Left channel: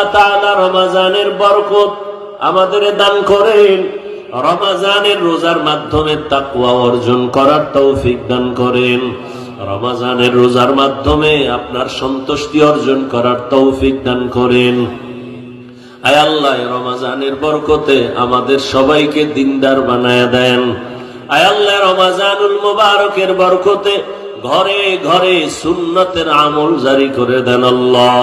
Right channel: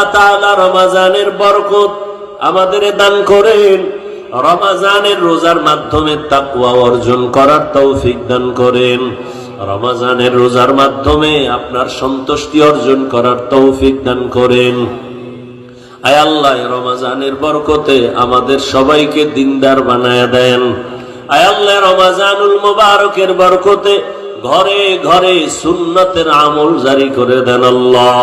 আল্লাহ তাআলা রমজানের বরকত আমাদের দান করেন, রমজানের রোজার মাধ্যমে তাকওয়া অর্জন করার তৌফিক দান করেন, রমজানের রোজার মাধ্যমে আপনার সন্তুষ্টি অর্জন করার তৌফিক দান করেন। আয় আল্লাহ, রমজানের বরকতে আমাদের সবাইকে দিনদার বানায় দেন। আয় আল্লাহ, রমজানুল মুবারকের বরকতে ঘরে ঘরে সুন্নতের আমল জারি করে দেন। আল্লাহ,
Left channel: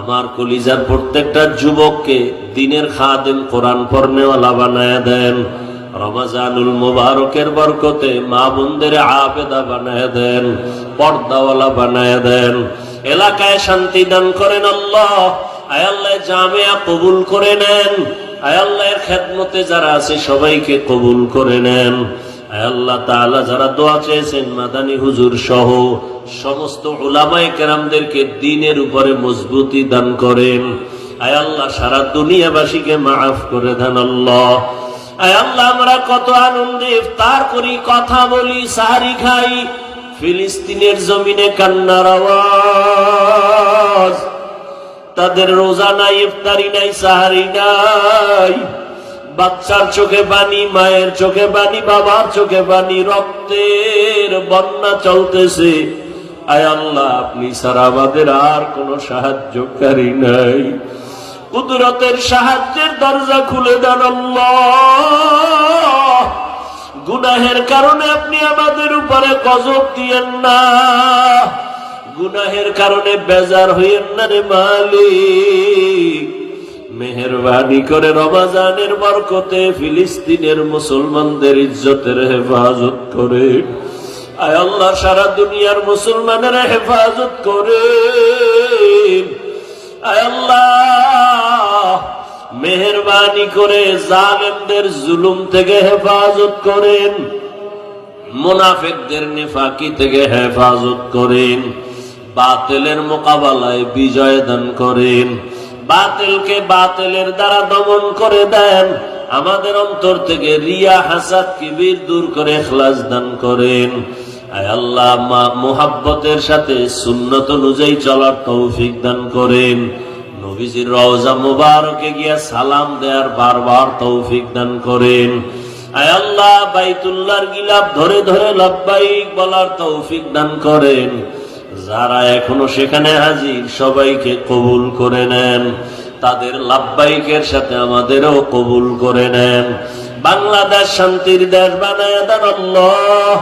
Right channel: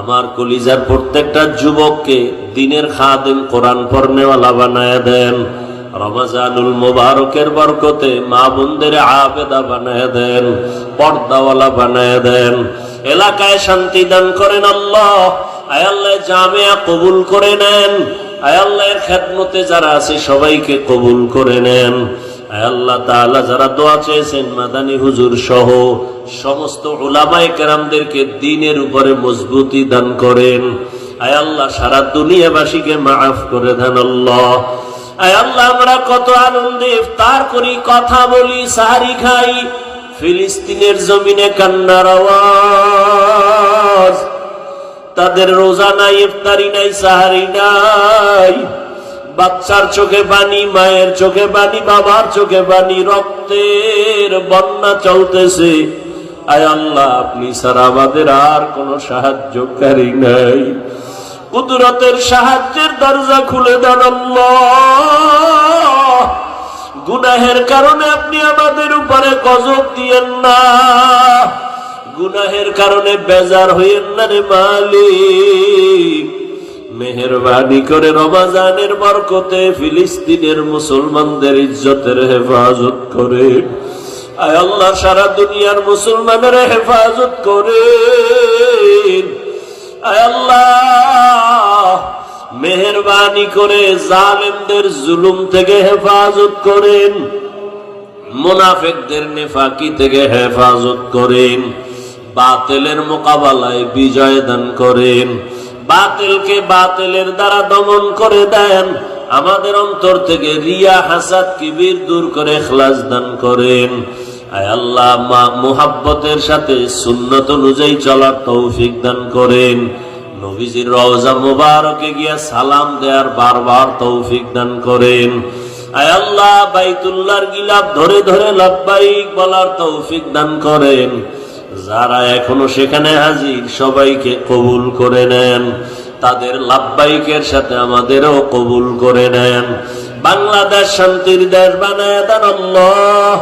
আমার কলিজার প্রত্যেকটা যুবককে দিনের খাদেম, কোরআন পড়নেওয়ালা বানায় দেন। রমজানুল মুবারকের বরকতে মা বোনদের আবেদা বানায় দেন, পর্দাওয়ালা বানায় দেন। এলাকায় শান্তি দান করেন। আল্লাহ, আয় আল্লাহ, জামিয়া কবুল করে নেন। আয় আল্লাহর খেদমতে যারা আছে সবাইকে কবুল করে নেন। আয় আল্লাহ তাআলা, যারা দোয়া চেয়েছেন মাদানী হুজুর সহ সমস্ত উলামায়ে কেরামদেরকে দ্বীনের উপরে মজবুতি দান করেন। আয় আল্লাহ, সারা দুনিয়াবাসীকে মাফ করে দেন। আল্লাহ, আয় আল্লাহ, আমরা কত আনন্দে ইফতার করি, কথা বলি, সাহারি খাই, ফিলিস্তিনের জমিনে কান্নার আওয়াজ। তাদের রোজা নাই, ইফতারি নাই, সাহারি নাই, বাচ্চার চোখে পানি, মায়ের চোখে পানি, বাবার চোখে পানি, রক্তের বন্যা চলতেছে। আয় আল্লাহ, আপনি ছাড়া আমাদের আর কোন সাহায্যকারী নাই। কুদরতের সাহায্যের দরজা খুলে দেন। আল্লাহ, গুনাহের কারণে আপনি আমাদের উপরে গজব দিয়েন না, গুনাহের কারণে বেজার হইয়েন না রে মালিক। মেহেরবানি করে রমজানের বরকতে ফিলিস্তিনের মুসলমানদের ইজ্জতের হেফাজত করে। আয় আল্লাহ, সারা দুনিয়ার মুসলমানের হেফাজত করে। আয় আল্লাহ, মেহেরবানি করে জালেমদের জুলুম থেকে হেফাজত করেন, মুনাফিকদের নেফাকি থেকে হেফাজত করেন, বাতিলের মোকাবেলায় বিজয় দান করেন, বাতিলকে বাতিলের দ্বারা দমন করে দেন, আমাদের অন্তর থেকে রিয়া, হাসাদ, কিবির দূর করে ইখলাস দান করেন। আয় আল্লাহ, মুহাব্বতের সাথে সুন্নত অনুযায়ী চলার তৌফিক দান করেন। নবীজির রওজা মুবারকে গিয়া সালাম দেওয়ার বারবার তৌফিক দান করেন। আয় আল্লাহ, বাইতুল্লাহর গিলাফ ধরে ধরে লাব্বাইক বলার তৌফিক দান করেন। যারা এখনো সেখানে হাজির সবাইকে কবুল করে নেন, তাদের লাব্বাইকের সাথে আমাদেরও কবুল করে নেন। বাংলাদেশ শান্তির দেশ বানায় দেন। আল্লাহ,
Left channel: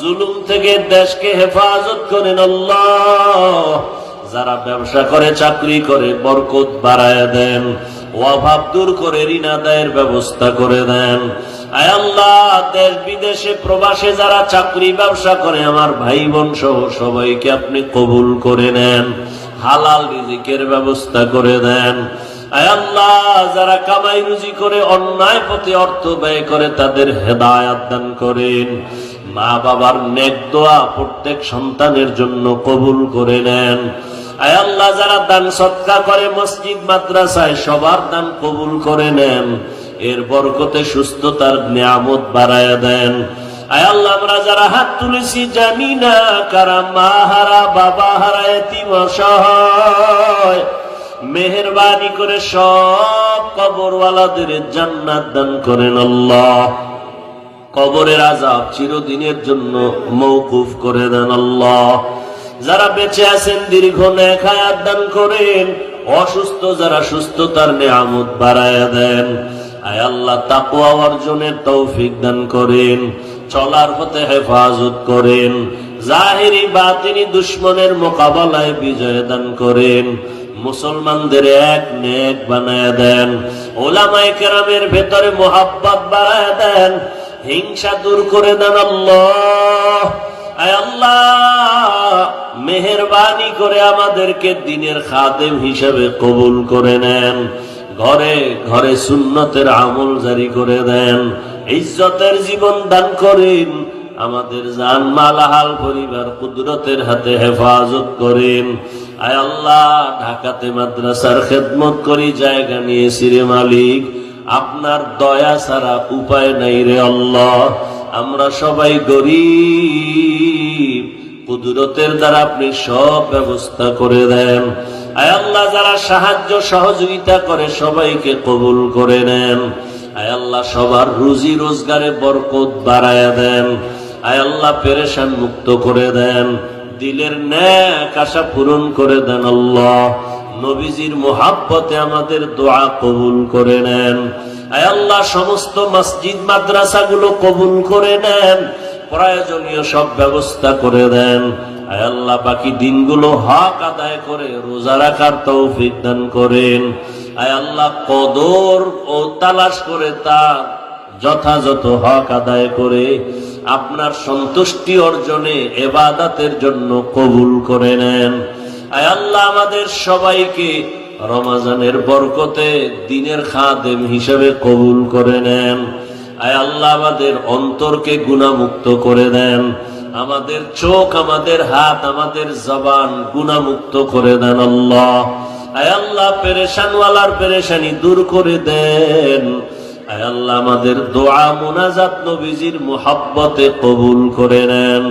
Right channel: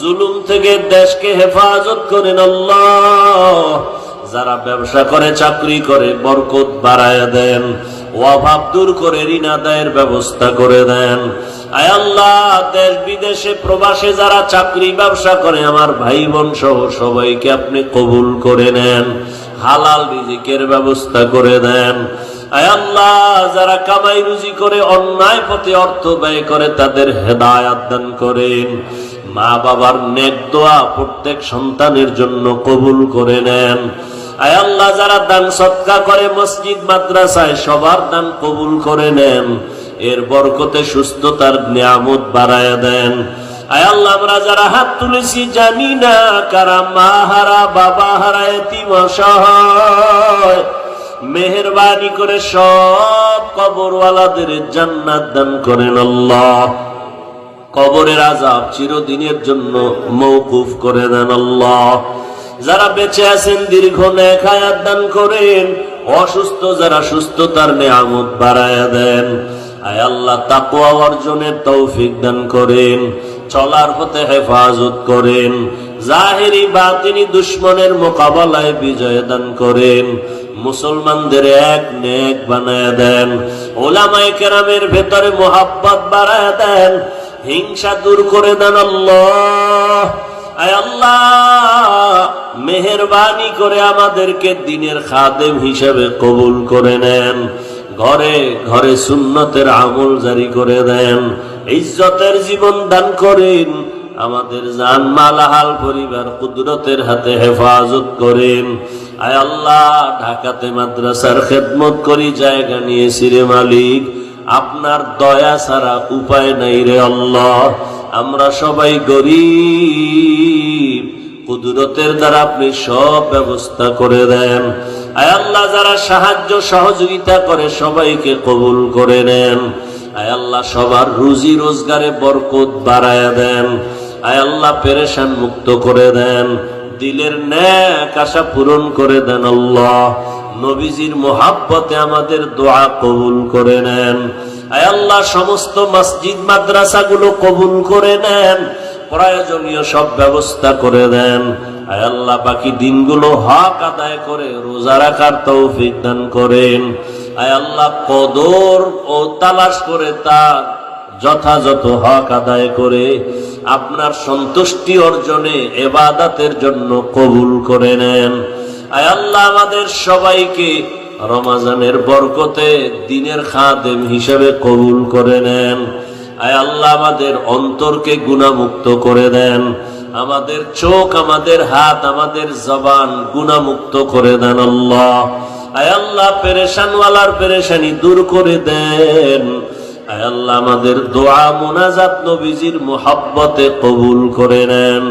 জুলুম থেকে দেশকে হেফাজত করেন। আল্লাহ, যারা ব্যবসা করে, চাকরি করে, বরকত বাড়ায় দেন, অভাব দূর করে ঋণ আদায়ের ব্যবস্থা করে দেন। আয় আল্লাহ, দেশ বিদেশে প্রবাসে যারা চাকরি ব্যবসা করে আমার ভাই বোন সহ সবাইকে আপনি কবুল করে নেন, হালাল রিজিকের ব্যবস্থা করে দেন। আয় আল্লাহ, যারা কামাই রুজি করে অন্যায় পথে অর্থ ব্যয় করে তাদের হেদায়াত দান করেন। মা বাবার নেক দোয়া প্রত্যেক সন্তানের জন্য কবুল করে নেন। আয় আল্লাহ, যারা দান সদকা করে মসজিদ মাদ্রাসায় সবার দান কবুল করে নেন, এর বরকতে সুস্থতার নিয়ামত বাড়ায় দেন। আয় আল্লাহ, আমরা যারা হাত তুলেছি জানি না কারা মা হারা, বাবা হারা, এতিম, অসহায়, মেহেরবানি করে সব কবরওয়ালাদের জান্নাত দান করেন। আল্লাহ, কবরের আযাব চিরদিনের জন্য মওকুফ করে দেন। আল্লাহ, যারা বেঁচে আছেন দীর্ঘ নেক হায়াত দান করেন, অসুস্থ যারা সুস্থতার নিয়ামত বাড়ায়া দেন। আয় আল্লাহ, তাকওয়া অর্জনের তৌফিক দান করেন, চলার পথে হেফাজত করেন, জাহিরি বাতিনি দুশ্মনের মোকাবেলায় বিজয় দান করেন, মুসলমানদের এক নেক বানায় দেন, উলামায়ে কেরামের ভেতরে মোহাব্বত বাড়ায় দেন, হিংসা দূর করে দেন। আল্লাহ, আয় আল্লাহ, মেহেরবানি করে আমাদেরকে দ্বীনের খাদেম হিসেবে কবুল করে নেন, ঘরে ঘরে সুন্নতের আমল জারি করে দেন, ইজ্জতের জীবন দান করেন, আমাদের জান মাল হাল পরিবার কুদরতের হাতে হেফাজত করেন। আয় আল্লাহ, ঢাকাতে মাদ্রাসার খেদমত করি, জায়গা নিয়েছি রে মালিক, আপনার দয়া ছাড়া উপায় নাই রে আল্লাহ। আমরা সবাই গরীব, কুদরতের দ্বারা আপনি সব ব্যবস্থা করে দেন। আয় আল্লাহ যারা সাহায্য সহযোগিতা করে সবাইকে কবুল করে নেন। আয় আল্লাহ সবার রুজি রোজগারে বরকত বাড়ায়া দেন। আয় আল্লাহ পেরেশান মুক্ত করে দেন, দিলের নেক আশা পূরণ করে দেন। আল্লাহ নবীজির মোহাব্বতে আমাদের দোয়া কবুল করে নেন। আয় আল্লাহ সমস্ত মসজিদ মাদ্রাসাগুলো কবুল করে নেন, প্রয়োজনীয় সব ব্যবস্থা করে দেন। আয় আল্লাহ বাকি দিনগুলো হক আদায় করে রোজা রাখার তৌফিক দান করেন। আয় আল্লাহ কদর ও তালাশ করে তার যথাযথ হক আদায় করে আপনার সন্তুষ্টি অর্জনে ইবাদতের জন্য কবুল করে নেন। আয় আল্লাহ আমাদের সবাইকে রমজানের বরকতে দ্বীনের খাদেম হিসেবে কবুল করে নেন। আয় আল্লাহ আমাদের অন্তরকে গুনাহমুক্ত করে দেন, আমাদের চোখ, আমাদের হাত, আমাদের জবান গুনাহমুক্ত করে দেন। আল্লাহ আয় আল্লাহ পেরেশানওয়ালার পেরেশানি দূর করে দেন। আয় আল্লাহ আমাদের দোয়া মুনাজাত নবীজির মুহাব্বতে কবুল করে নেন।